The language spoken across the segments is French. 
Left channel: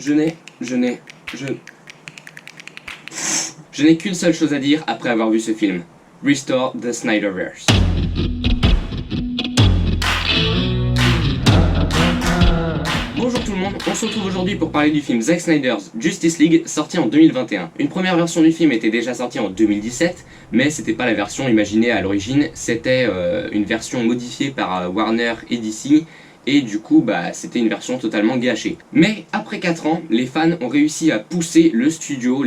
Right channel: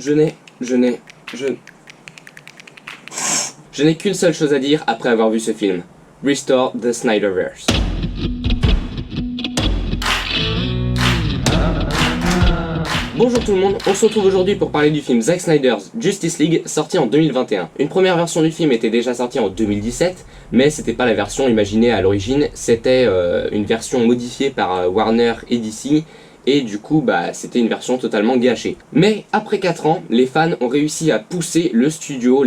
Je n'ai qu'une seule chose à dire après avoir vu ce film. Restore the Snyderverse. Bonjour tout le monde, on se retrouve aujourd'hui pour parler du film Zack Snyder's Justice League sorti en 2021. Une première version du film était déjà sortie en 2017, mais c'était pas la version imaginée à l'origine, c'était une version modifiée par Warner et DC, et du coup c'était une version totalement gâchée. Mais après 4 ans, les fans ont réussi à pousser les studios,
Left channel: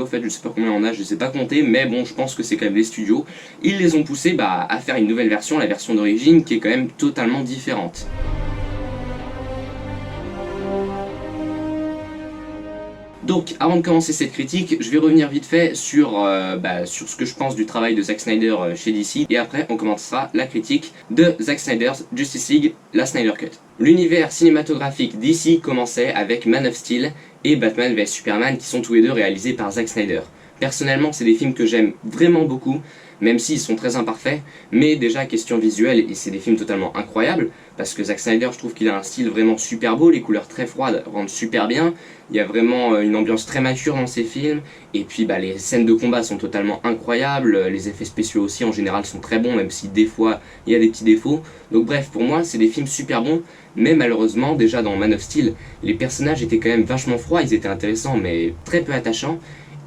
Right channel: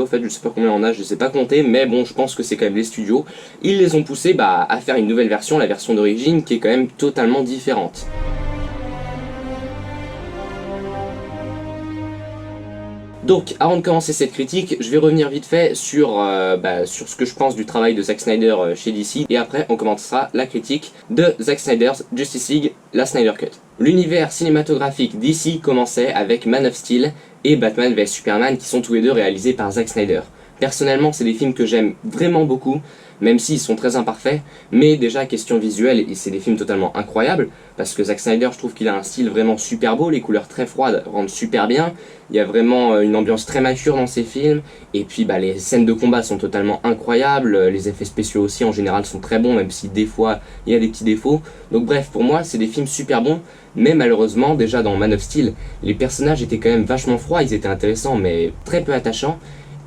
en fait je sais pas combien on a, je sais pas compter, mais bon je pense que c'est quand même les studios, ils les ont poussés à faire une nouvelle version, la version d'origine qui est quand même totalement différente. Donc, avant de commencer cette critique, je vais revenir vite fait sur ce que je pense du travail de Zack Snyder chez DC, et après on commencera la critique de Zack Snyder's Justice League, la Snyder Cut. L'univers cinématographique DC commençait avec Man of Steel et Batman vs Superman qui sont tous les deux réalisés par Zack Snyder. Personnellement, c'est des films que j'aime vraiment beaucoup, même s'ils sont très imparfaits, mais déjà question visuelle, c'est des films totalement incroyables, parce que Zack Snyder, je trouve qu'il a un style vraiment super beau, les couleurs très froides rendent super bien, il y a vraiment une ambiance très mature dans ses films, et puis les scènes de combat sont totalement incroyables, les effets spéciaux aussi en général sont très bons, même si des fois il y a des petits défauts, donc bref, pour moi c'est des films super bons, mais malheureusement, déjà dans Man of Steel, les personnages étaient quand même vachement froids, ils étaient intéressants, mais très peu attachants.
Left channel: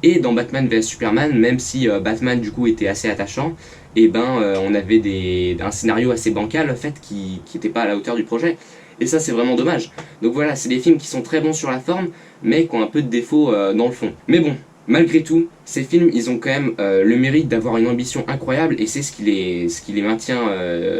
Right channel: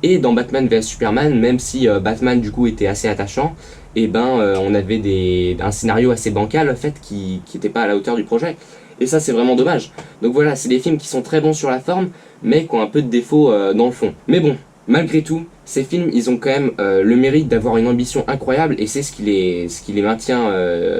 Et dans Batman vs Superman, même si Batman du coup était assez attachant, on avait un scénario assez bancal en fait qui était pas à la hauteur du projet. Et ça c'est vraiment dommage. Donc voilà, c'est des films qui sont très bons sur la forme, mais qui ont un peu de défaut dans le fond. Mais bon, malgré tout, ces films ils ont quand même le mérite d'avoir une ambition incroyable, et c'est ce qui les maintient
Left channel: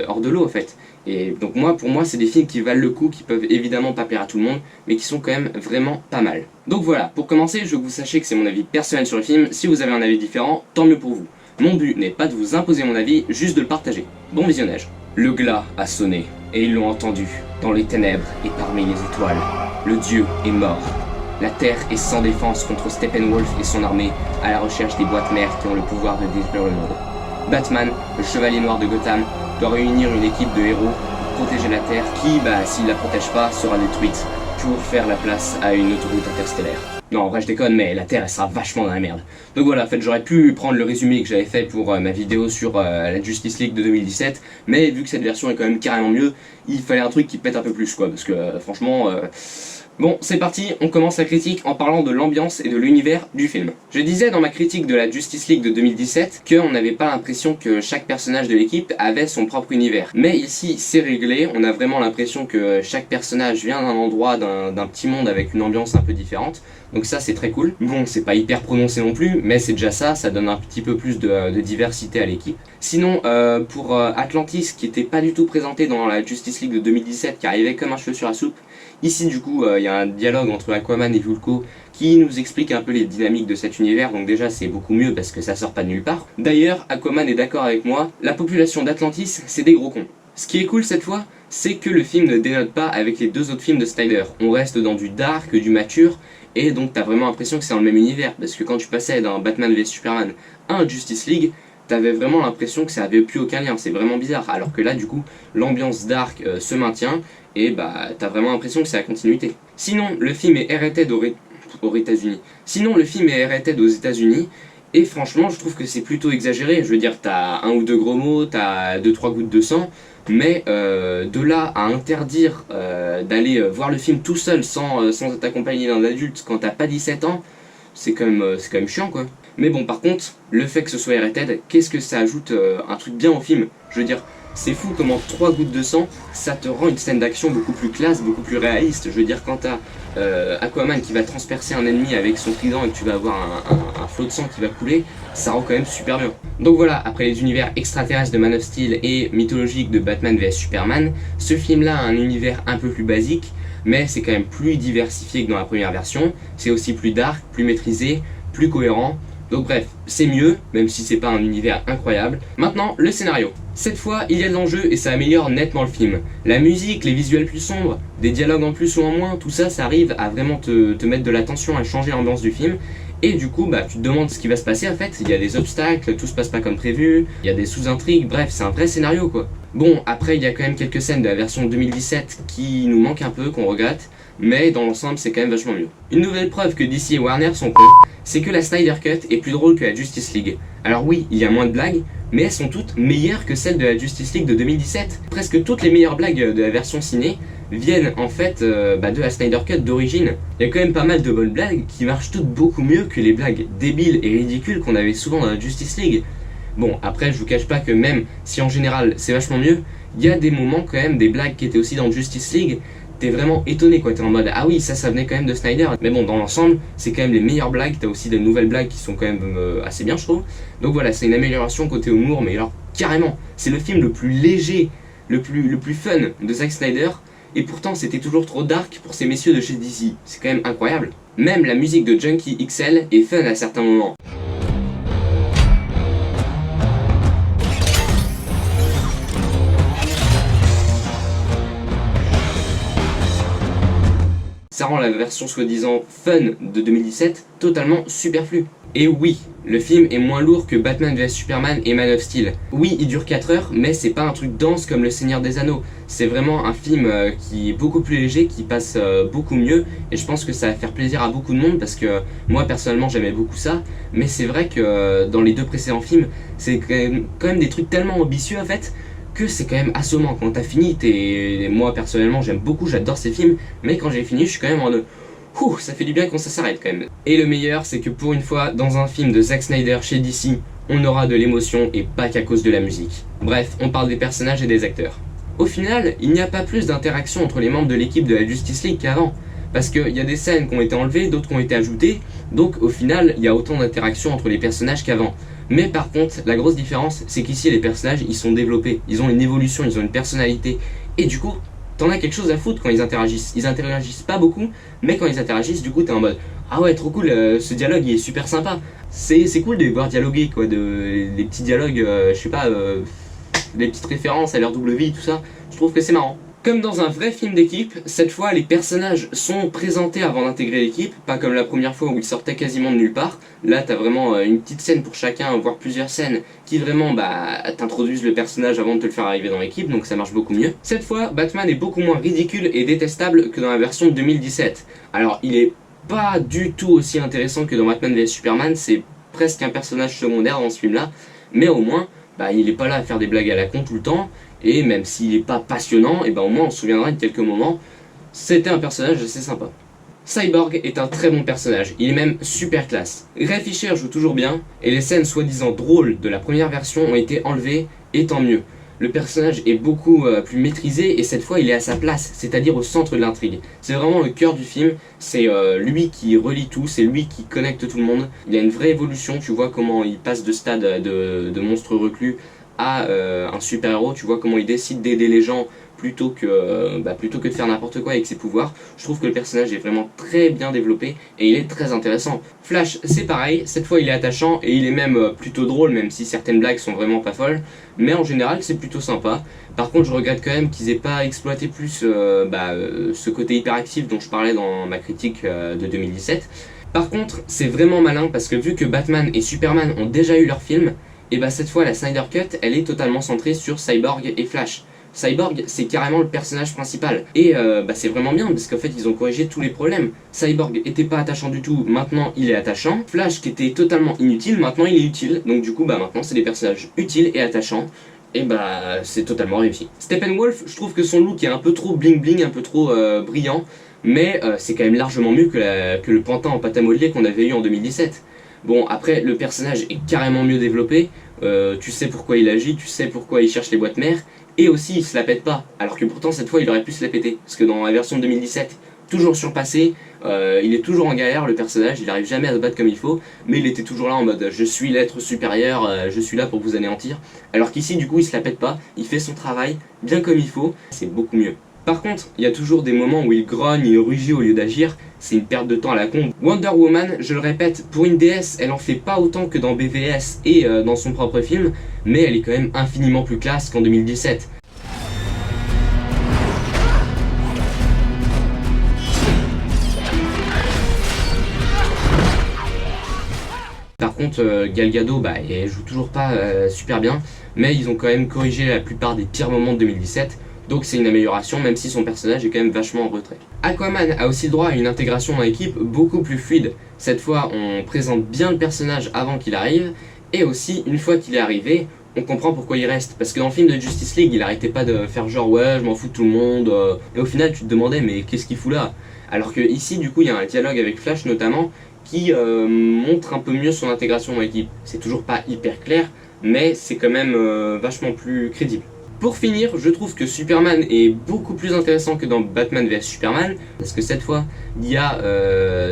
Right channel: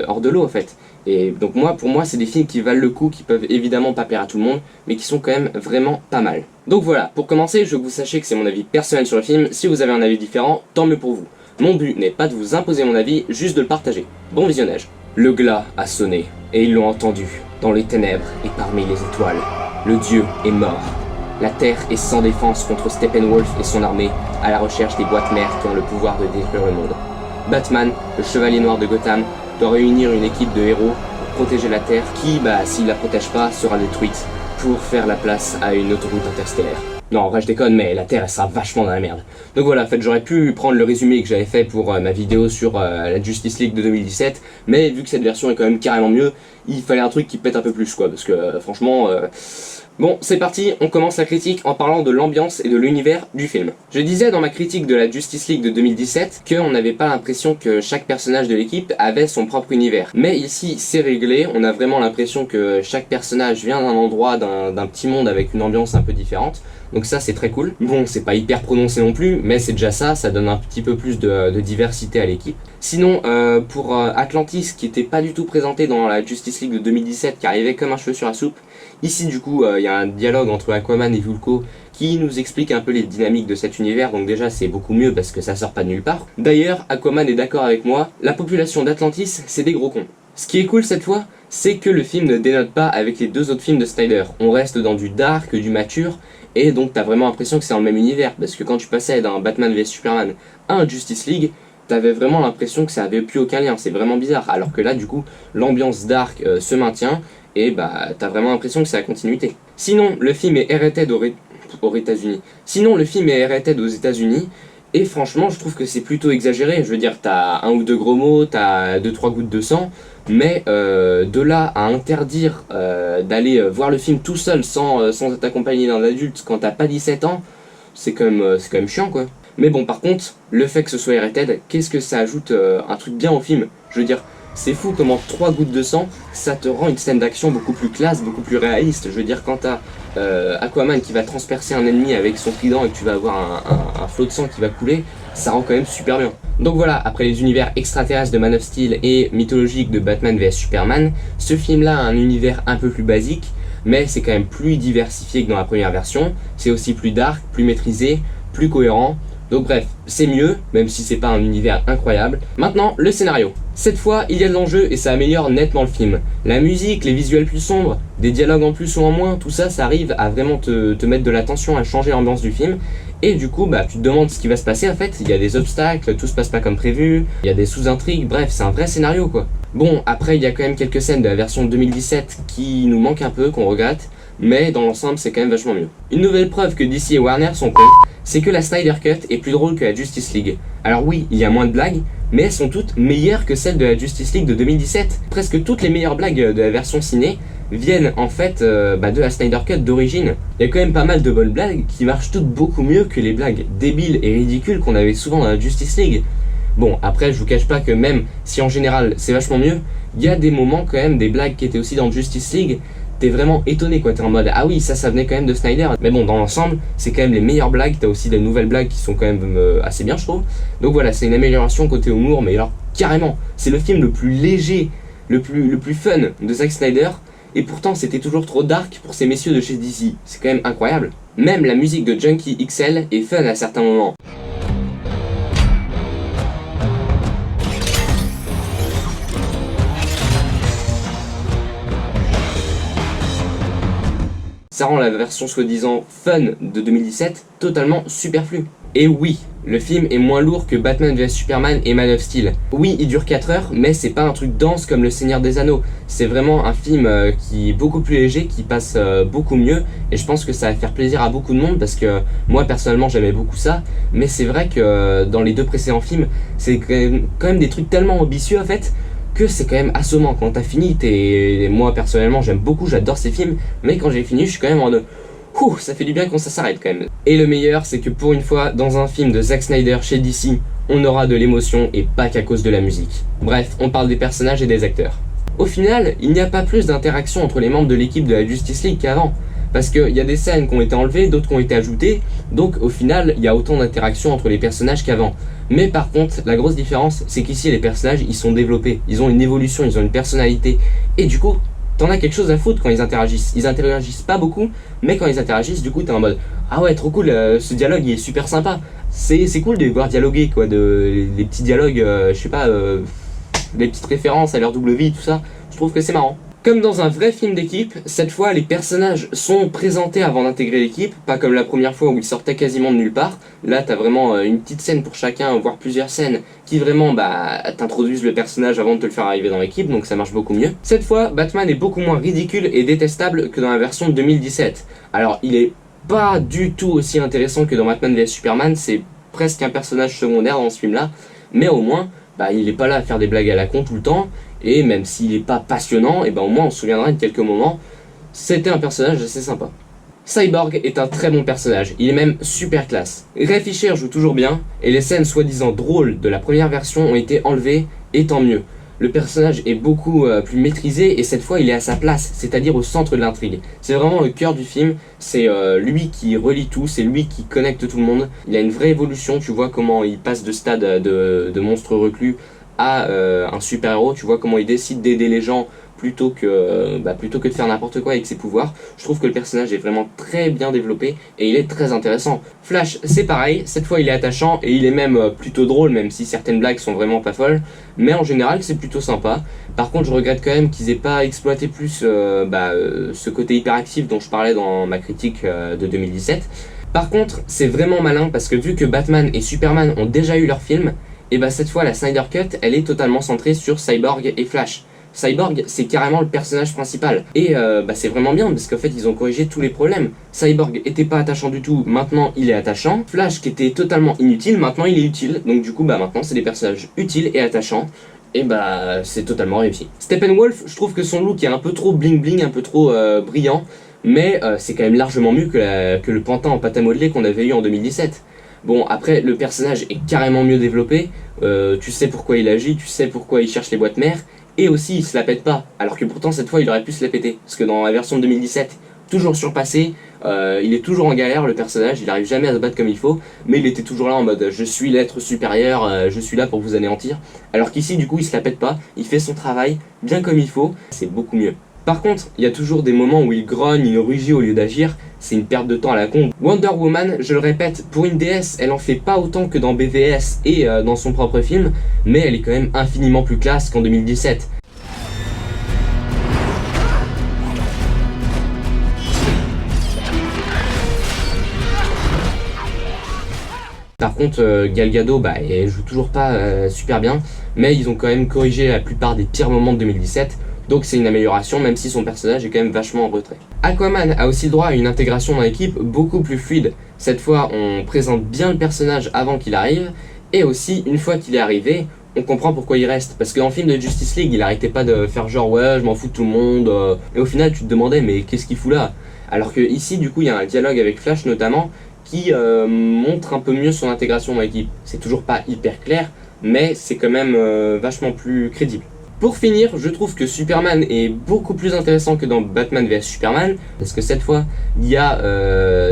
hors de l'eau en fait. Et donc pour moi c'est des films qui valent le coup, qui peuvent évidemment pas plaire à tout le monde, mais qui sont quand même vraiment pas mal. Donc voilà, pour commencer, je veux que vous sachiez que c'est mon avis personnel sur le film. Si vous avez un avis différent, tant mieux pour vous. Mon but n'est pas de vous imposer mon avis, juste de le partager. Bon visionnage. Le glas a sonné, et ils l'ont entendu, dans les ténèbres et parmi les étoiles. Le dieu est mort. La Terre est sans défense contre Steppenwolf et son armée, à la recherche des boîtes mères qui ont le pouvoir de détruire le monde. Batman, le chevalier noir de Gotham, doit réunir une équipe de héros pour protéger la Terre qui, s'il la protège pas, sera détruite, pour faire la place à une autoroute interstellaire. Non, en vrai je déconne, mais la Terre elle sera vachement dans la merde. Donc voilà, en fait j'aurais pu prendre le résumé que j'avais fait pour ma vidéo sur la Justice League de 2017, mais vu que cette version est quand même carrément mieux, il fallait un truc qui pète un peu plus quoi, parce que franchement... Bon, c'est parti, on commence la critique en parlant de l'ambiance et de l'univers du film. Je disais dans ma critique de la Justice League de 2017 qu'on n'avait pas l'impression que chaque personnage de l'équipe avait son propre univers. Mais ici, c'est réglé, on a vraiment l'impression que chaque personnage vient d'un endroit, d'un petit monde avec une ambiance un peu différente. Donc ça, c'est très cool. Bon, c'est pas hyper prononcé non plus, mais c'est déjà ça, ça donne un petit peu plus de diversité à l'équipe. Sinon, pour Atlantis, qui était pas du tout présenté dans la Justice League de 2017, qui arrivait comme un cheveu sur la soupe, ici du coup il y a un dialogue entre Aquaman et Vulko qui nous explique un peu les dynamiques de cet univers, donc déjà c'est beaucoup mieux parce que ça sort pas de nulle part. D'ailleurs, Aquaman est d'accord avec moi, la population d'Atlantis c'est des gros cons. Ce qui est cool cette fois, c'est que le film ne dénote pas avec les deux autres films de Snyder. On reste dans du dark, du mature, et donc t'as vraiment l'impression que c'est dans le même univers, parce que quand tu passais d'un Batman vs Superman à un Justice League, t'avais vraiment l'impression que ça avait plus aucun lien, c'est vraiment bizarre, alors que là du coup l'ambiance dark se maintient, et t'as vraiment l'impression que c'est la continuité. Sinon, le film est rated aux États-Unis. Sinon, le film est rated aux États-Unis, et franchement, je trouve que c'est plutôt exagéré. Je veux dire, t'as un ou deux gros mots, t'as 2-3 gouttes de sang, mais de là à interdire d'aller voir le film tout seul sans être accompagné d'un adulte quand t'as pas 17 ans, c'est quand même chiant quoi. Mais bon, par contre, le fait que ce soit rated, qu'est-ce que ça ajoute un truc bien au film? Je veux dire, c'est fou comment 3 gouttes de sang, ça te rend une scène d'action beaucoup plus classe, beaucoup plus réaliste. Je veux dire, quand t'as Aquaman qui va transpercer un ennemi avec son trident et que tu vas avoir un flot de sang qui va couler, ça rend quand même super bien. Donc voilà, après les univers extraterrestres de Man of Steel et mythologiques de Batman vs Superman, ce film-là a un univers un peu plus basique, mais c'est quand même plus diversifié que dans la première version. C'est aussi plus dark, plus maîtrisé, plus cohérent. Donc bref, c'est mieux, même si c'est pas un univers incroyable. Maintenant, le scénario. Cette fois, il y a de l'enjeu et ça améliore nettement le film. La musique, les visuels plus sombres, des dialogues en plus ou en moins, tout ça, ça arrive à vraiment te mettre de la tension, à changer l'ambiance du film. Et du coup, tu te demandes ce qui va se passer en fait, il y a des obstacles, tout se passe pas comme prévu, il y a des sous-intrigues, bref, c'est un vrai scénario quoi. Bon, après il y a quand même quelques scènes de la version 2017 qui nous manquent un peu, qu'on regrette, mais dans l'ensemble c'est quand même vachement mieux. Une nouvelle preuve que DC et Warner sont cons, c'est que la Snyder Cut est plus drôle que la Justice League. Alors oui, il y a moins de blagues, mais elles sont toutes meilleures que celles de la Justice League de 2017. Presque toutes les meilleures blagues de la version ciné viennent en fait de la Snyder Cut d'origine. Il y a quand même pas mal de bonnes blagues qui marchent toutes beaucoup mieux que les blagues débiles et ridicules qu'on avait souvent dans la Justice League. Bon, après je vous cache pas que même si en général c'est vachement mieux, il y a des moments quand même, des blagues qui étaient aussi dans Justice League, t'es vraiment étonné quoi, t'es en mode ah oui ça venait quand même de Snyder. Mais bon, dans l'ensemble c'est quand même les meilleures blagues, t'as aussi des nouvelles blagues qui sont quand même assez bien je trouve. Donc voilà, c'est une amélioration côté humour, mais alors carrément, c'est le film le plus léger, le plus fun de Zack Snyder, et pourtant c'était toujours trop dark pour ces messieurs de chez DC, c'est quand même incroyable. Même la musique de Junkie XL est fun à certains moments. Ça rend la version soi-disant fun de 2017 totalement superflue. Et oui, le film est moins lourd que Batman vs Superman et Man of Steel. Oui, il dure 4 heures, mais c'est pas un truc dense comme Le Seigneur des Anneaux. C'est vraiment un film qui est beaucoup plus léger, qui passe beaucoup mieux, et je pense que ça va faire plaisir à beaucoup de monde, parce que moi personnellement j'aimais beaucoup ça, mais c'est vrai que dans les deux précédents films, c'est quand même des trucs tellement ambitieux en fait, que c'est quand même assommant. Quand t'as fini, moi personnellement j'aime beaucoup, j'adore ces films, mais quand j'ai fini je suis quand même en ouh, ça fait du bien quand ça s'arrête quand même. Et le meilleur, c'est que pour une fois, dans un film de Zack Snyder chez DC, on aura de l'émotion et pas qu'à cause de la musique. Bref, on parle des personnages et des acteurs. Au final, il n'y a pas plus d'interaction entre les membres de l'équipe de la Justice League qu'avant, parce qu'il y a des scènes qui ont été enlevées, d'autres qui ont été ajoutées, donc au final, il y a autant d'interaction entre les personnages qu'avant. Mais par contre, la grosse différence, c'est qu'ici les personnages, ils sont développés, ils ont une évolution, ils ont une personnalité, et du coup, t'en as quelque chose à foutre quand ils interagissent. Ils interagissent pas beaucoup, mais quand ils interagissent, du coup, t'es en mode ah ouais, trop cool, ce dialogue il est super sympa. C'est cool de les voir dialoguer, quoi, les petits dialogues, je sais pas, les petites références à leur double vie, tout ça. Je trouve que c'est marrant. Comme dans un vrai film d'équipe, cette fois les personnages sont présentés avant d'intégrer l'équipe, pas comme la première fois où ils sortaient quasiment de nulle part. Là t'as vraiment une petite scène pour chacun, voire plusieurs scènes, qui vraiment t'introduisent le personnage avant de te le faire arriver dans l'équipe, donc ça marche beaucoup mieux. Cette fois, Batman est beaucoup moins ridicule et détestable que dans la version de 2017. Alors il est pas du tout aussi intéressant que dans Batman vs Superman, c'est presque un personnage secondaire dans ce film là, mais au moins, il est pas là à faire des blagues à la con tout le temps, et même s'il est pas passionnant, et au moins on se souviendra de quelques moments, c'était un personnage assez sympa. Cyborg est un très bon personnage, il est même super classe. Ray Fisher joue toujours bien, et les scènes soi-disant drôles de la première version ont été enlevées, et tant mieux. Le personnage est beaucoup plus maîtrisé, et cette fois il est à sa place, c'est-à-dire au centre de l'intrigue. C'est vraiment le cœur du film, c'est lui qui relie tout, c'est lui qui connecte tout le monde. Il a une vraie évolution, tu vois comment il passe de stade de monstre reclus à un super-héros, tu vois comment il décide d'aider les gens plutôt que de faire n'importe quoi avec ses pouvoirs. Je trouve que le personnage est vraiment très bien développé et il est très intéressant. Flash, c'est pareil, cette fois il est attachant et il est même plutôt drôle, même si certaines blagues sont vraiment pas folles, mais en général c'est plutôt sympa. Par contre je regrette quand même qu'ils aient pas exploité plus ce côté hyperactif dont je parlais dans ma critique de 2017. Par contre c'est vraiment malin parce que vu que Batman et Superman ont déjà eu leur film, et cette fois la Snyder Cut elle est totalement centrée sur Cyborg et Flash. Cyborg c'est carrément le personnage principal et c'est vraiment bien parce qu'en fait ils ont corrigé tous les problèmes. Cyborg était pas attachant du tout, maintenant il est attachant. Flash qui était totalement inutile, maintenant il est utile, donc du coup maintenant c'est des personnages utiles et attachants. Et c'est totalement réussi. Steppenwolf, je trouve que son look est un peu trop bling bling, un peu trop brillant, mais c'est quand même largement mieux que le pantin en pâte à modeler qu'on avait eu en 2017. Bon, après, le personnage est carrément mieux développé, tu sais pourquoi il agit, tu sais pourquoi il cherche les boîtes mères, et aussi il se la pète pas, alors que pourtant cette fois il aurait pu se la péter, parce que dans la version de 2017, toujours surpassé, il est toujours en galère le personnage, il arrive jamais à se battre comme il faut, mais il était toujours là en mode je suis l'être supérieur, je suis là pour vous anéantir, alors qu'ici du coup il se la pète pas, il fait son travail bien comme il faut, c'est beaucoup mieux. Par contre, il y a toujours des moments où il grogne, il rugit au lieu d'agir, c'est une perte de temps à la con. Wonder Woman, je le répète, pour une déesse, elle en fait pas autant que dans BVS et dans son propre film, mais elle est quand même infiniment plus classe qu'en 2017. Par contre, Gal Gadot, elle joue toujours pas super bien, mais ils ont quand même corrigé la plupart des pires moments de 2017. Donc c'est une amélioration, même si son personnage est quand même vachement en retrait. Aquaman a aussi le droit à une intégration dans l'équipe beaucoup plus fluide. Cette fois, on présente bien le personnage avant qu'il arrive, et aussi, une fois qu'il est arrivé, on comprend pourquoi il reste. Parce que dans le film de Justice League, il arrêtait pas de faire genre ouais, je m'en fous de tout le monde, et au final, tu te demandais mais qu'est-ce qu'il fout là? Alors que ici, du coup, il y a un dialogue avec Flash notamment, qui montre un peu mieux son intégration dans l'équipe. C'est toujours pas hyper clair, mais c'est quand même vachement plus crédible. Pour finir, je trouve que Superman est beaucoup plus intéressant que dans Batman vs Superman, parce que cette fois, il y a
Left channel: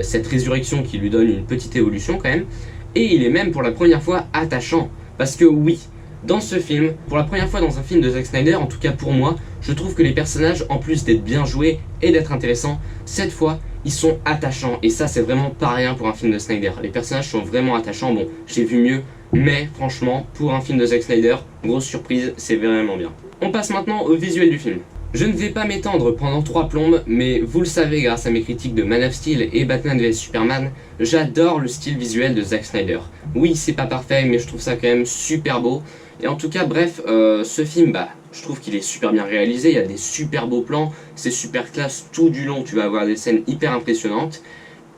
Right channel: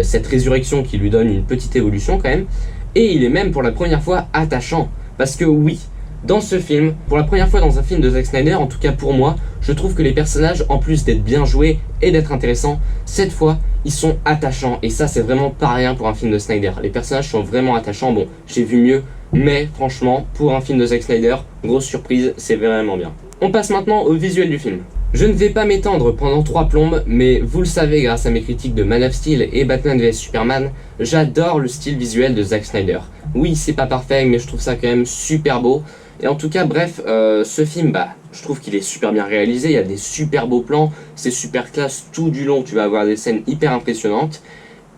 cette résurrection qui lui donne une petite évolution quand même, et il est même pour la première fois attachant, parce que oui, dans ce film, pour la première fois dans un film de Zack Snyder, en tout cas pour moi, je trouve que les personnages, en plus d'être bien joués et d'être intéressants, cette fois, ils sont attachants, et ça c'est vraiment pas rien pour un film de Snyder. Les personnages sont vraiment attachants, bon, j'ai vu mieux, mais franchement, pour un film de Zack Snyder, grosse surprise, c'est vraiment bien. On passe maintenant au visuel du film. Je ne vais pas m'étendre pendant 3 plombes, mais vous le savez grâce à mes critiques de Man of Steel et Batman vs Superman, j'adore le style visuel de Zack Snyder. Oui, c'est pas parfait, mais je trouve ça quand même super beau. Et en tout cas, bref, ce film, je trouve qu'il est super bien réalisé, il y a des super beaux plans, c'est super classe tout du long, tu vas avoir des scènes hyper impressionnantes.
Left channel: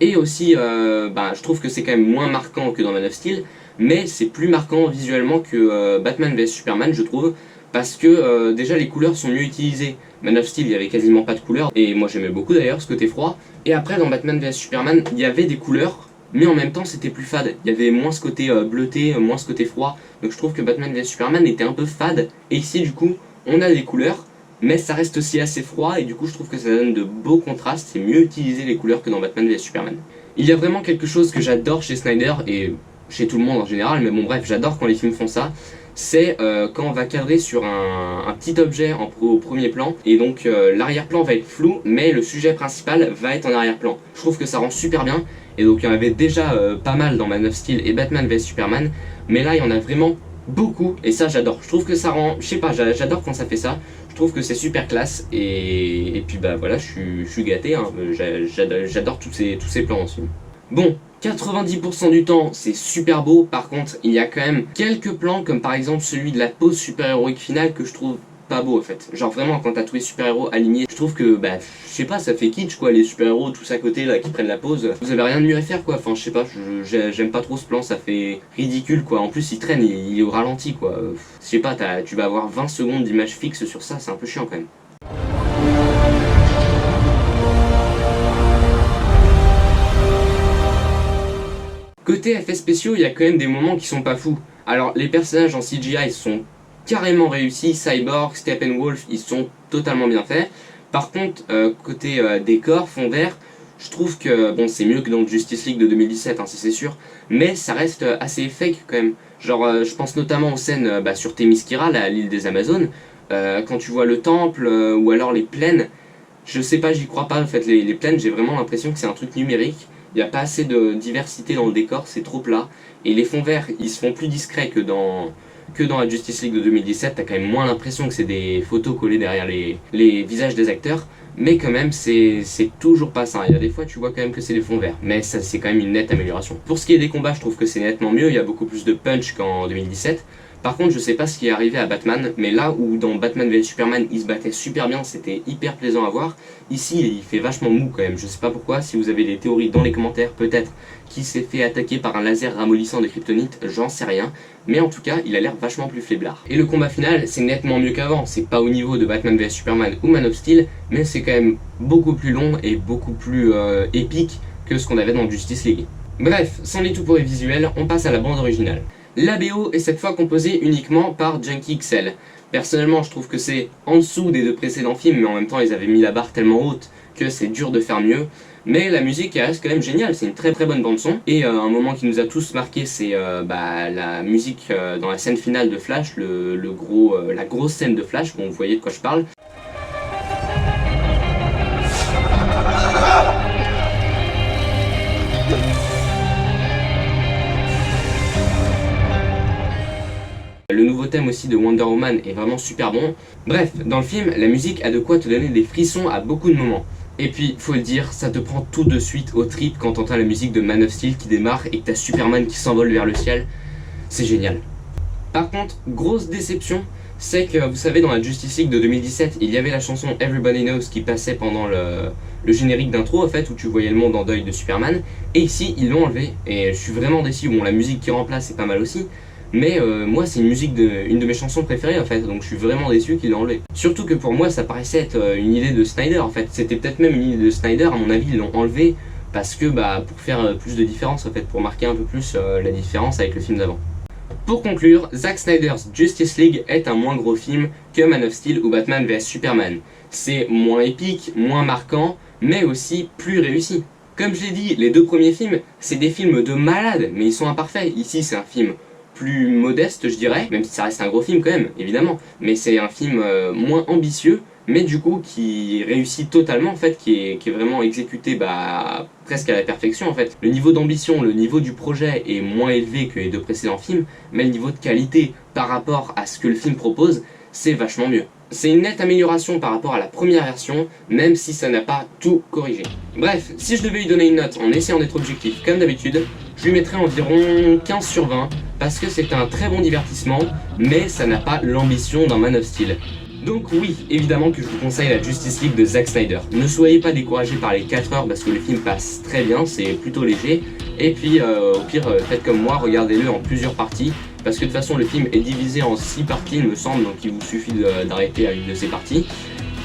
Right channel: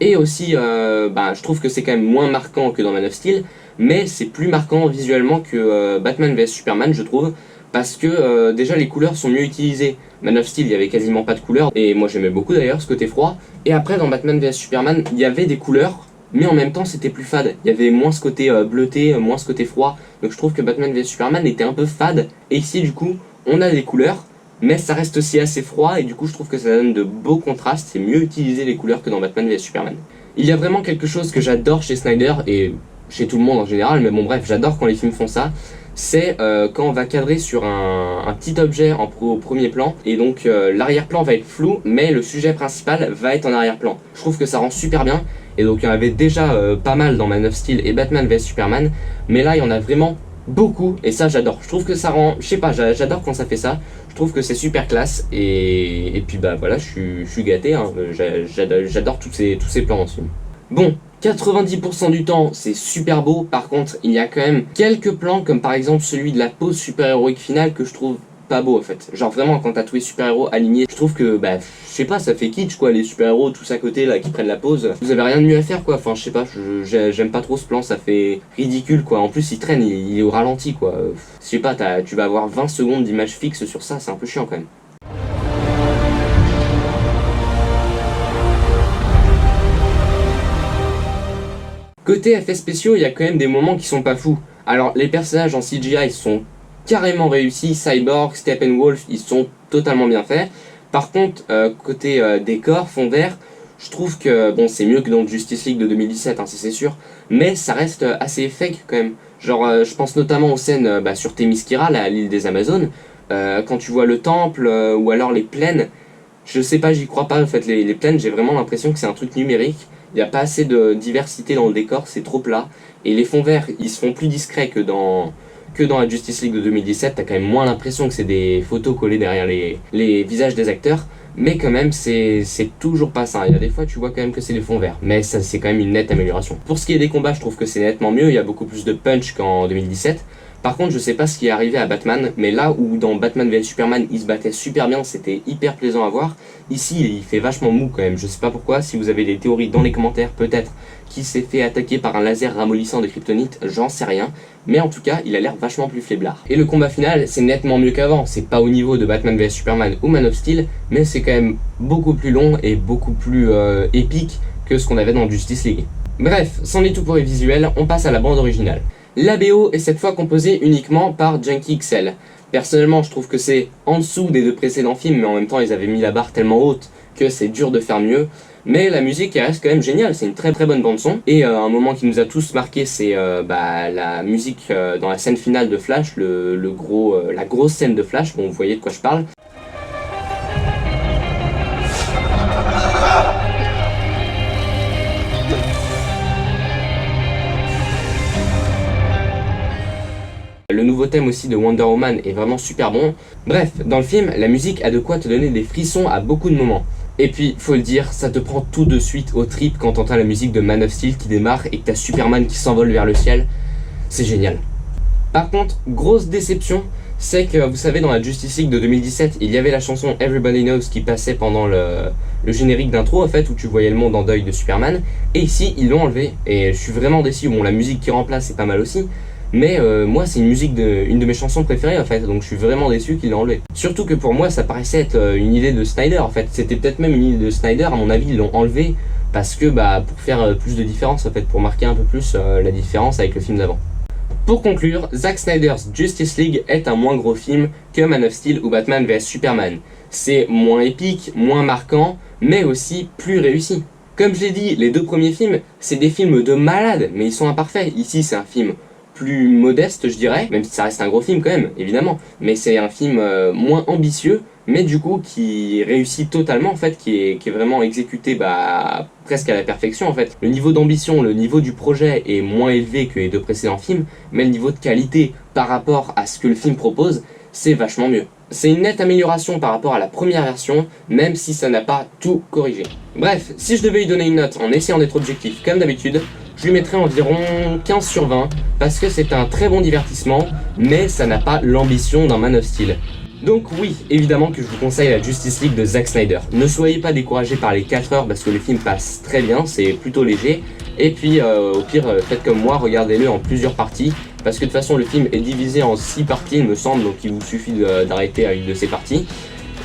Et aussi, je trouve que c'est quand même moins marquant que dans Man of Steel, mais c'est plus marquant visuellement que Batman vs Superman, je trouve, parce que déjà les couleurs sont mieux utilisées. Man of Steel, il y avait quasiment pas de couleurs, et moi j'aimais beaucoup d'ailleurs ce côté froid. Et après, dans Batman vs Superman, il y avait des couleurs, mais en même temps c'était plus fade. Il y avait moins ce côté bleuté, moins ce côté froid, donc je trouve que Batman vs Superman était un peu fade, et ici du coup, on a des couleurs, mais ça reste aussi assez froid, et du coup je trouve que ça donne de beaux contrastes, c'est mieux utiliser les couleurs que dans Batman vs Superman. Il y a vraiment quelque chose que j'adore chez Snyder, et chez tout le monde en général, mais bon bref, j'adore quand les films font ça, c'est quand on va cadrer sur un petit objet au premier plan, et donc l'arrière-plan va être flou, mais le sujet principal va être en arrière-plan. Je trouve que ça rend super bien, et donc il y en avait déjà pas mal dans Man of Steel et Batman vs Superman, mais là il y en a vraiment beaucoup, et ça j'adore. Je trouve que ça rend, je sais pas, j'adore quand ça fait ça, je trouve que c'est super classe, et puis voilà, je suis gâté, hein. J'adore tous ces plans dans ce film. Bon, 90% du temps c'est super beau, par contre il y a quand même quelques plans comme par exemple celui de la pose super-héroïque finale que je trouve pas beau en fait. Genre vraiment quand t'as tous les super-héros alignés, je trouve que je sais pas, ça fait kitsch quoi, les super-héros tous à côté là qui prennent la pose. Vous avez rien de mieux à faire quoi, enfin je sais pas, j'aime pas trop ce plan, ça fait ridicule quoi. En plus il traîne, il est au ralenti quoi. Je sais pas, tu vas avoir 20 secondes d'image fixe sur ça, c'est un peu chiant quand même. Côté effets spéciaux, il y a quand même des moments qui sont pas fous. Alors les personnages en CGI sont carrément réussis, Cyborg, Steppenwolf, ils sont totalement bien faits. Par contre, côté décor, fond vert, je trouve que bon c'est mieux que dans Justice League de 2017, hein, c'est sûr, mais ça reste assez fake quand même. Genre je pense notamment aux scènes sur Themyscira, l'île des Amazones, quand tu vois le temple ou alors les plaines, je sais pas, j'y crois pas en fait, les plaines j'ai vraiment l'impression que c'est un truc numérique. Il n'y a pas assez de diversité dans le décor, c'est trop plat. Et les fonds verts, ils se font plus discrets que dans la Justice League de 2017. T'as quand même moins l'impression que c'est des photos collées derrière les visages des acteurs. Mais quand même, c'est toujours pas ça. Il y a des fois, tu vois quand même que c'est des fonds verts. Mais ça, c'est quand même une nette amélioration. Pour ce qui est des combats, je trouve que c'est nettement mieux. Il y a beaucoup plus de punch qu'en 2017. Par contre, je sais pas ce qui est arrivé à Batman, mais là où dans Batman vs Superman, il se battait super bien, c'était hyper plaisant à voir. Ici, il fait vachement mou quand même, je sais pas pourquoi, si vous avez des théories dans les commentaires, peut-être, qui s'est fait attaquer par un laser ramollissant de kryptonite, j'en sais rien, mais en tout cas, il a l'air vachement plus faiblard. Et le combat final, c'est nettement mieux qu'avant, c'est pas au niveau de Batman vs Superman ou Man of Steel, mais c'est quand même beaucoup plus long et beaucoup plus épique que ce qu'on avait dans Justice League. Bref, c'en est tout pour les visuels, on passe à la bande originale. La BO est cette fois composée uniquement par Junkie XL. Personnellement, je trouve que c'est en dessous des 2 précédents films, mais en même temps, ils avaient mis la barre tellement haute que c'est dur de faire mieux. Mais la musique elle reste quand même géniale, c'est une très bonne bande son. Et un moment qui nous a tous marqué, c'est la musique dans la scène finale de Flash, la grosse scène de Flash, bon vous voyez de quoi je parle. Le nouveau thème aussi de Wonder Woman est vraiment super bon. Bref, dans le film, la musique a de quoi te donner des frissons à beaucoup de moments. Et puis, faut le dire, ça te prend tout de suite aux tripes quand t'entends la musique de Man of Steel qui démarre et que t'as Superman qui s'envole vers le ciel. C'est génial. Par contre, grosse déception, c'est que, vous savez, dans la Justice League de 2017, il y avait la chanson Everybody Knows qui passait pendant le générique d'intro, en fait, où tu voyais le monde en deuil de Superman, et ici, ils l'ont enlevé, et je suis vraiment déçu. Bon, la musique qui remplace, c'est pas mal aussi, mais moi, c'est une musique une de mes chansons préférées, en fait, donc je suis vraiment déçu qu'ils l'ont enlevé. Surtout que pour moi, ça paraissait être une idée de Snyder, en fait, c'était peut-être même une idée de Snyder, à mon avis, ils l'ont enlevé, parce que, bah, pour faire plus de différence, en fait, pour marquer un peu plus la différence avec le film d'avant. Pour conclure, Zack Snyder's Justice League est un moins gros film que Man of Steel ou Batman vs Superman. C'est moins épique, moins marquant, mais aussi plus réussi. Comme je l'ai dit, les deux premiers films, c'est des films de malades, mais ils sont imparfaits. Ici, c'est un film plus modeste, je dirais, même si ça reste un gros film quand même, évidemment. Mais c'est un film moins ambitieux, mais du coup qui réussit totalement, en fait, qui est vraiment exécuté presque à la perfection, en fait. Le niveau d'ambition, le niveau du projet est moins élevé que les deux précédents films, mais le niveau de qualité par rapport à ce que le film propose, c'est vachement mieux. C'est une nette amélioration par rapport à la première version, même si ça n'a pas tout corrigé. Bref, si je devais lui donner une note en essayant d'être objectif comme d'habitude, je lui mettrais environ 15 sur 20, parce que c'est un très bon divertissement, mais ça n'a pas l'ambition d'un Man of Steel. Donc oui, évidemment que je vous conseille la Justice League de Zack Snyder. Ne soyez pas découragés par les 4 heures parce que le film passe très bien, c'est plutôt léger. Et puis au pire, faites comme moi, regardez-le en plusieurs parties. Parce que de toute façon le film est divisé en 6 parties il me semble, donc il vous suffit d'arrêter à une de ces parties.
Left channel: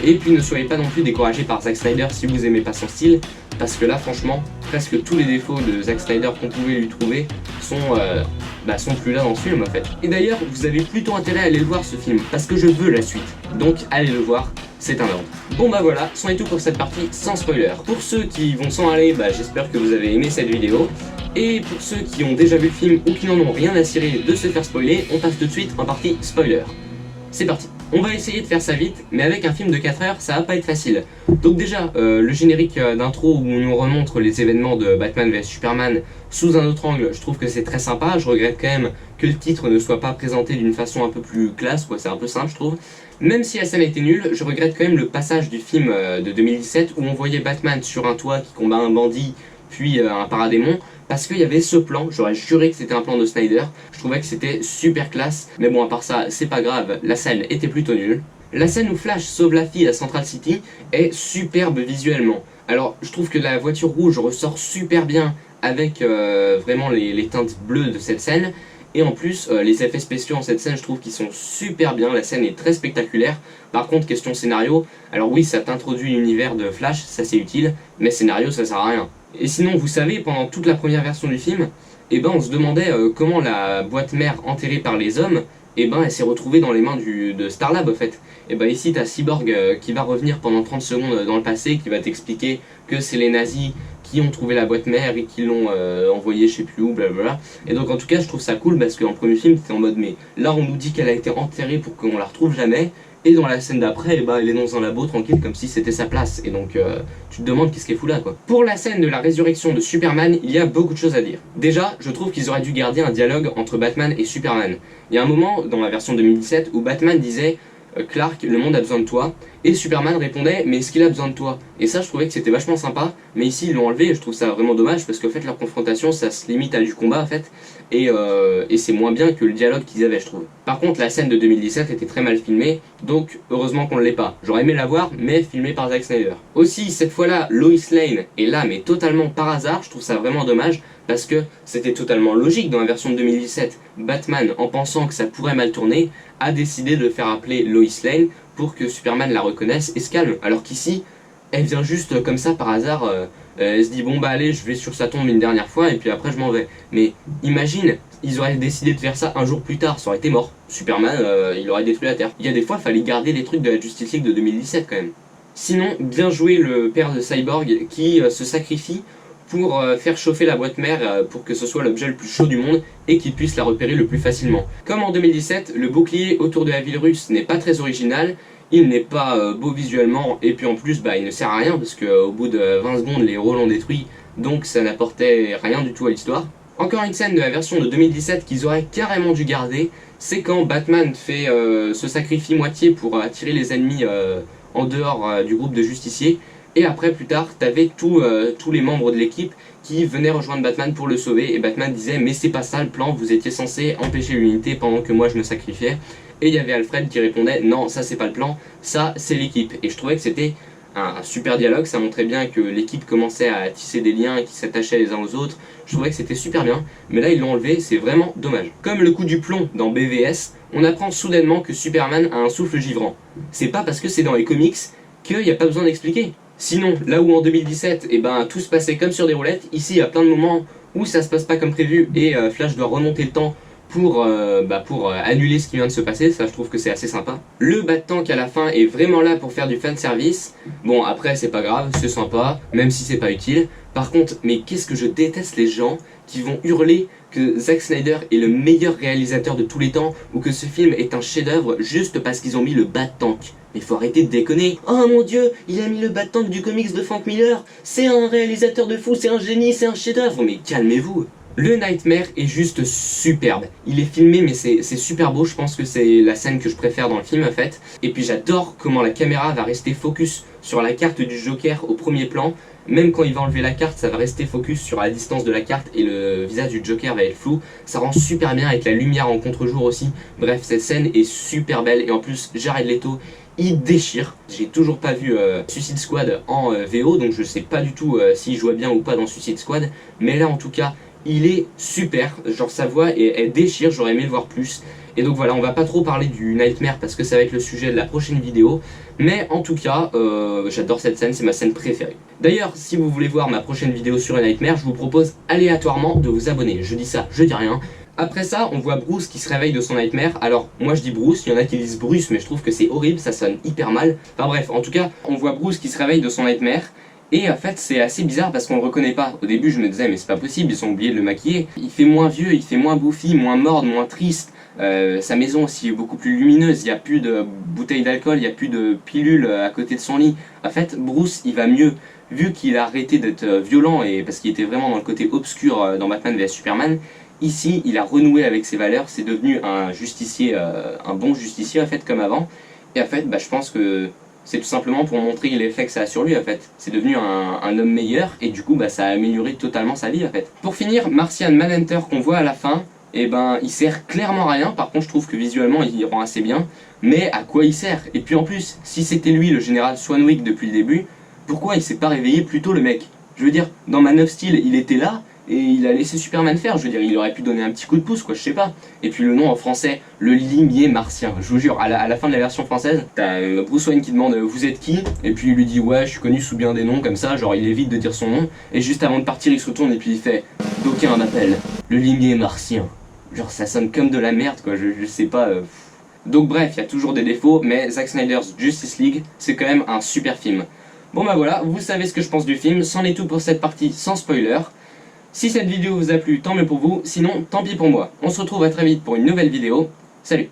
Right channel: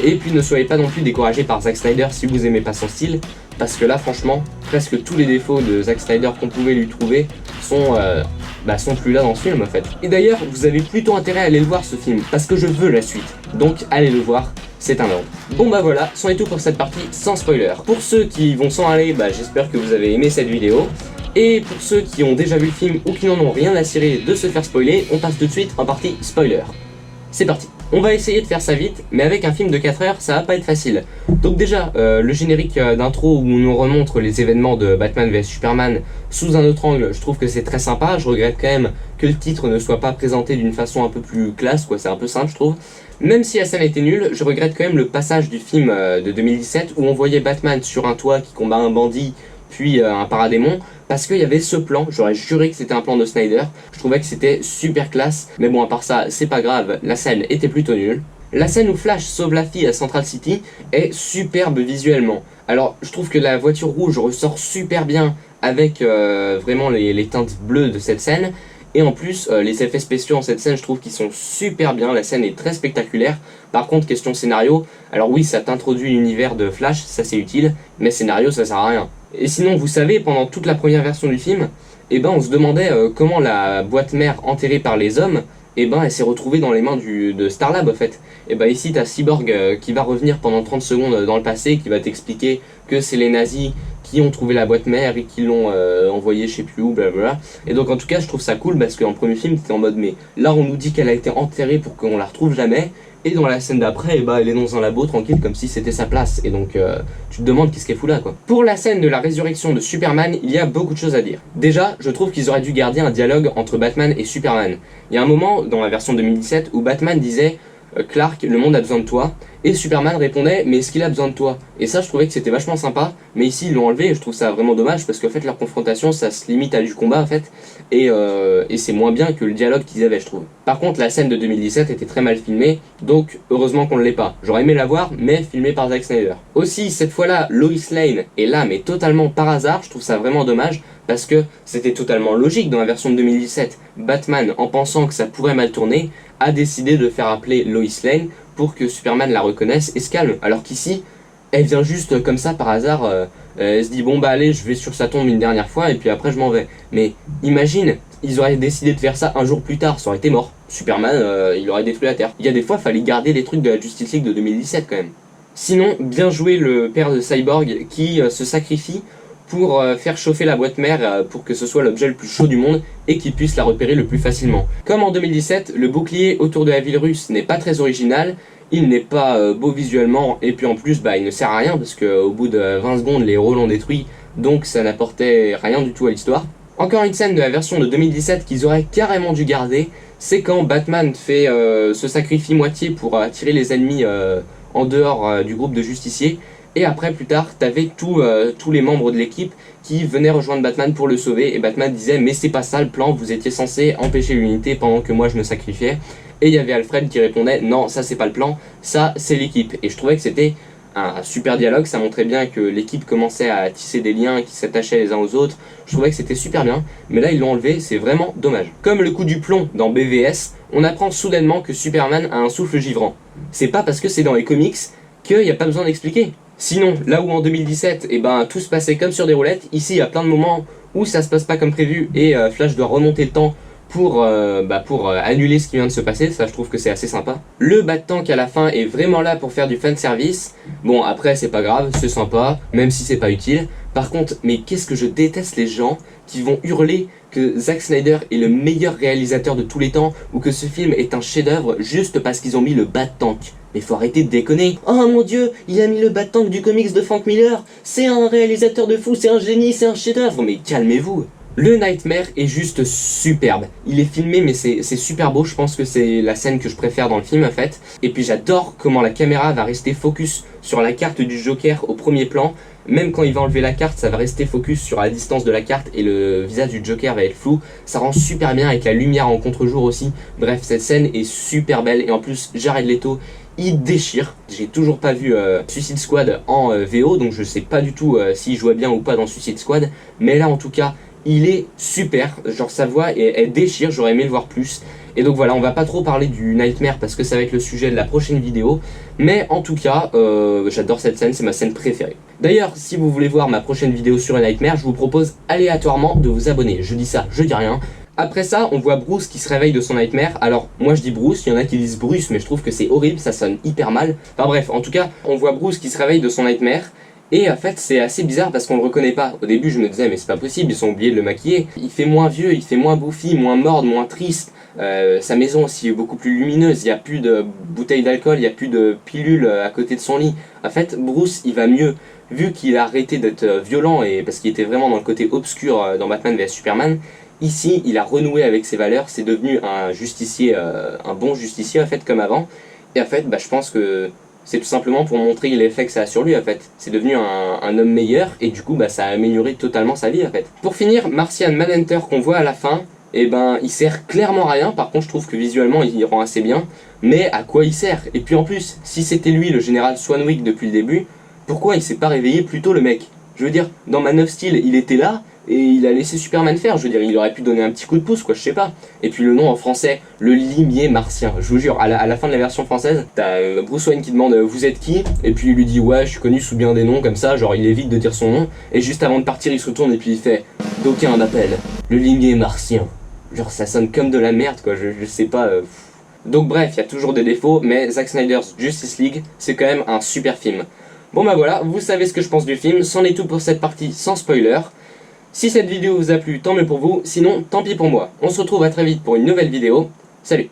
Et puis ne soyez pas non plus découragés par Zack Snyder si vous aimez pas son style, parce que là franchement, presque tous les défauts de Zack Snyder qu'on pouvait lui trouver sont plus là dans ce film en fait. Et d'ailleurs, vous avez plutôt intérêt à aller le voir ce film, parce que je veux la suite. Donc allez le voir, c'est un ordre. Bon bah voilà, c'en est tout pour cette partie sans spoiler. Pour ceux qui vont s'en aller, j'espère que vous avez aimé cette vidéo. Et pour ceux qui ont déjà vu le film ou qui n'en ont rien à cirer de se faire spoiler, on passe tout de suite en partie spoiler. C'est parti. On va essayer de faire ça vite, mais avec un film de 4 heures, ça va pas être facile. Donc déjà, le générique d'intro où on nous remontre les événements de Batman vs Superman sous un autre angle, je trouve que c'est très sympa. Je regrette quand même que le titre ne soit pas présenté d'une façon un peu plus classe, quoi. C'est un peu simple, je trouve. Même si la scène était nulle, je regrette quand même le passage du film de 2017 où on voyait Batman sur un toit qui combat un bandit, puis un paradémon, parce qu'il y avait ce plan, j'aurais juré que c'était un plan de Snyder, je trouvais que c'était super classe, mais bon à part ça, c'est pas grave, la scène était plutôt nulle. La scène où Flash sauve la fille à Central City est superbe visuellement. Alors je trouve que la voiture rouge ressort super bien avec vraiment les teintes bleues de cette scène, et en plus les effets spéciaux en cette scène je trouve qu'ils sont super bien, la scène est très spectaculaire. Par contre question scénario, alors oui ça t'introduit l'univers de Flash, ça c'est utile, mais scénario ça sert à rien. Et sinon, vous savez, pendant toute la première version du film, on se demandait comment la boîte mère enterrée par les hommes, elle s'est retrouvée dans les mains de Starlab en fait. Et ici, t'as Cyborg qui va revenir pendant 30 secondes dans le passé, qui va t'expliquer que c'est les nazis qui ont trouvé la boîte mère et qui l'ont envoyée je sais plus où, blablabla. Et donc en tout cas, je trouve ça cool parce qu'en premier film, t'étais en mode mais là on nous dit qu'elle a été enterrée pour qu'on la retrouve jamais. Et dans la scène d'après, elle est dans un labo tranquille comme si c'était sa place. Et donc tu te demandes qu'est-ce qu'elle fout là quoi. Pour la scène de la résurrection de Superman, il y a beaucoup de choses à dire. Déjà, je trouve qu'ils auraient dû garder un dialogue entre Batman et Superman. Il y a un moment dans la version 2017 où Batman disait Clark, le monde a besoin de toi. Et Superman répondait mais est-ce qu'il a besoin de toi? Et ça je trouvais que c'était vachement sympa, mais ici ils l'ont enlevé et je trouve ça vraiment dommage parce qu'en fait leur confrontation ça se limite à du combat en fait, et c'est moins bien que le dialogue qu'ils avaient je trouve. Par contre la scène de 2017 était très mal filmée, donc heureusement qu'on ne l'ait pas. J'aurais aimé la voir, mais filmée par Zack Snyder. Aussi cette fois-là Lois Lane est là mais totalement par hasard, je trouve ça vraiment dommage parce que c'était totalement logique dans la version de 2017. Batman, en pensant que ça pourrait mal tourner, a décidé de faire appeler Lois Lane pour que Superman la reconnaisse et se calme. Alors qu'ici, elle vient juste comme ça par hasard, elle se dit bon allez je vais sur sa tombe une dernière fois et puis après je m'en vais. Mais imagine, ils auraient décidé de faire ça un jour plus tard, ça aurait été mort. Superman, il aurait détruit la Terre. Il y a des fois, fallait garder les trucs de la Justice League de 2017 quand même. Sinon, bien joué le père de Cyborg qui se sacrifie pour faire chauffer la boîte mère pour que ce soit l'objet le plus chaud du monde et qu'il puisse la repérer le plus facilement. Comme en 2017, le bouclier autour de la ville russe n'est pas très original, il n'est pas beau visuellement et puis en plus il ne sert à rien parce qu'au bout de 20 secondes les héros l'ont détruit, donc ça n'apportait rien du tout à l'histoire. Encore une scène de la version de 2017 qu'ils auraient carrément dû garder, c'est quand Batman se sacrifie moitié pour attirer les ennemis en dehors du groupe de justiciers. Et après, plus tard, t'avais tous les membres de l'équipe qui venaient rejoindre Batman pour le sauver. Et Batman disait mais c'est pas ça le plan, vous étiez censé empêcher l'unité pendant que moi je me sacrifiais. et il y avait Alfred qui répondait non, ça c'est pas le plan, ça c'est l'équipe. Et je trouvais que c'était un super dialogue, ça montrait bien que l'équipe commençait à tisser des liens qui s'attachaient les uns aux autres. Je trouvais que c'était super bien, mais là ils l'ont enlevé, c'est vraiment dommage. Comme le coup du plomb dans BVS, on apprend soudainement que Superman a un souffle givrant. C'est pas parce que c'est dans les comics qu'il n'y a pas besoin d'expliquer. Sinon, là où en 2017, tout se passait comme sur des roulettes, ici il y a plein de moments où ça se passe pas comme prévu et Flash doit remonter le temps pour annuler ce qui vient de se passer, ça je trouve que c'est assez sympa. Le Bat-Tank à la fin est vraiment là pour faire du fanservice. Bon après c'est pas grave, c'est sympa, même si c'est pas utile. Par contre, mais qu'est-ce que je déteste les gens qui vont hurler que Zack Snyder est le meilleur réalisateur de tous les temps ou que ce film est un chef-d'œuvre juste parce qu'ils ont mis le Bat-Tank. Mais faut arrêter de déconner. Oh mon dieu, il a mis le Bat-Tank du comics de Frank Miller. C'est un réalisateur de fou, c'est un génie, c'est un chef-d'œuvre. Mais calmez-vous. Le Nightmare est juste superbe. Il est filmé mais c'est super beau, je pense que c'est la scène que je préfère dans le film en fait. Et puis j'adore comment la caméra va rester focus sur la carte du Joker au premier plan. Même quand il va enlever la carte, ça va rester focus sur la distance de la carte et le visage du Joker va être flou. Ça rend super bien avec la lumière en contre-jour aussi. Bref, cette scène est super belle et en plus Jared Leto, il déchire. J'ai toujours pas vu Suicide Squad en VO, donc je sais pas du tout s'il jouait bien ou pas dans Suicide Squad. Mais là en tout cas, il est super, genre sa voix elle déchire, j'aurais aimé le voir plus. Et donc voilà, on va pas trop parler du Nightmare parce que ça va être le sujet de la prochaine vidéo. Mais en tout cas, j'adore cette scène, c'est ma scène préférée. D'ailleurs, si vous voulez voir ma prochaine vidéo sur le Nightmare, je vous propose aléatoirement de vous abonner. Je dis ça, je dis rien. Après ça, on voit Bruce qui se réveille de son Nightmare. Alors, moi je dis Bruce, il y en a qui disent Bruce, mais je trouve que c'est horrible, ça sonne hyper mal. Enfin bref, en tout cas, on voit Bruce qui se réveille de son Nightmare. Et en fait c'est assez bizarre parce qu'on le reconnaît pas. Au début je me disais mais c'est pas possible, ils ont oublié de le maquiller. Il fait moins vieux, il fait moins bouffi, moins morne, moins triste. Sa maison aussi est beaucoup plus lumineuse, il n'y a plus de bouteilles d'alcool, il n'y a plus de pilules à côté de son lit. En fait Bruce il va mieux. Vu qu'il a arrêté d'être violent et parce qu'il était vraiment dans le côté obscur dans Batman vs Superman, ici il a renoué avec ses valeurs, c'est devenu un justicier, un bon justicier en fait comme avant. Et en fait je pense que c'est tout simplement pour montrer l'effet que ça a sur lui en fait. C'est devenu un homme meilleur et du coup ça a amélioré totalement sa vie en fait. Pour finir, Martian Manhunter qu'on voit à la fin, il sert clairement à rien. Par contre je trouve que visuellement il rend assez bien. Mais à quoi il sert? Et puis en plus, si c'était lui le général Swanwick depuis le début, pourquoi il s'est pas réveillé plus tôt le mec? Je veux dire, dans Man of Steel il était là et il a laissé Superman faire, je veux dire, il aurait pu donner un petit coup de pouce quoi, je sais pas. Et puis le nom en français, le limier martien, je vous jure, à la fin de la version française, t'as Bruce Wayne qui demande vous êtes qui? Et puis il lui dit ouais je suis connu sous bien des noms comme ça, genre il évite de dire son nom, et juste avant de partir il se retourne et puis il fait d'aucuns m'appellent le limier martien. Genre ça sonne comme de la merde quoi, je sais pas. Donc bref, il y a toujours des défauts, mais Zack Snyder's Justice League, c'est quand même un super film. Bon voilà, vous savez ce que je pense du film, c'en est tout pour cette partie sans spoiler. Si cette vidéo vous a plu, tant mieux pour vous, sinon tant pis pour moi. On se retrouve à très vite pour une nouvelle vidéo. Salut!